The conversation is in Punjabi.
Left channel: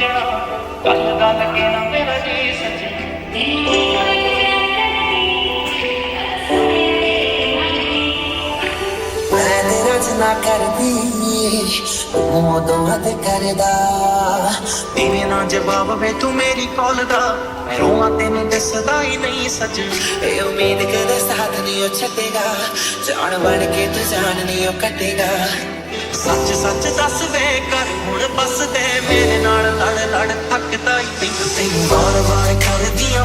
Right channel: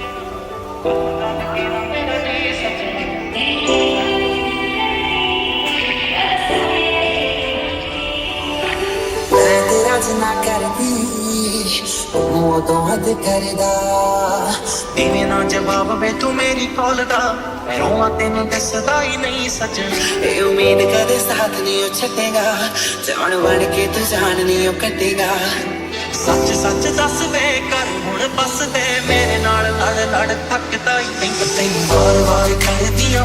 ਸੱਜਣਾ ਗੱਲ ਗੱਲ ਕੇ ਨਾ ਮੇਰਾ ਜੀ ਸੱਜਣਾ ਮੈਂ ਤੇਰਾ ਜਿੰਨਾ ਕਰਦੀ ਉਹ ਉਦੋਂ ਹੱਦ ਕਰਦਾ ਇਵੇਂ ਨਾ ਜਵਾਬ ਵੇ ਤੂੰ ਮੇਰੀ ਕਾਲ ਦਾ ਮੈਂ ਰੋਵਾਂ ਤੈਨੂੰ ਦਿਸਦਾ ਹੀ ਨਹੀਂ ਸੱਜਣਾ ਇਹ ਉਮੀਦ ਕਦੇ ਸਾਥ ਨਹੀਂ ਉਹ ਛੱਡੇਗਾ ਜਾਣ ਬਣ ਕੇ ਤੂੰ ਜਾਨ ਨਹੀਂ ਉਹ ਕੱਟੇਗਾ ਸੱਚ ਸੱਚ ਦੱਸ ਵੇ ਕਰ ਹੁਣ ਬਸ ਤੇ ਮੇਰੇ ਨਾਲ ਲੜ ਲੜ ਥੱਕਦਾ ਹੀ ਤੈਨੂੰ ਵਾਰ ਵਾਰ ਕਰਦੀਆਂ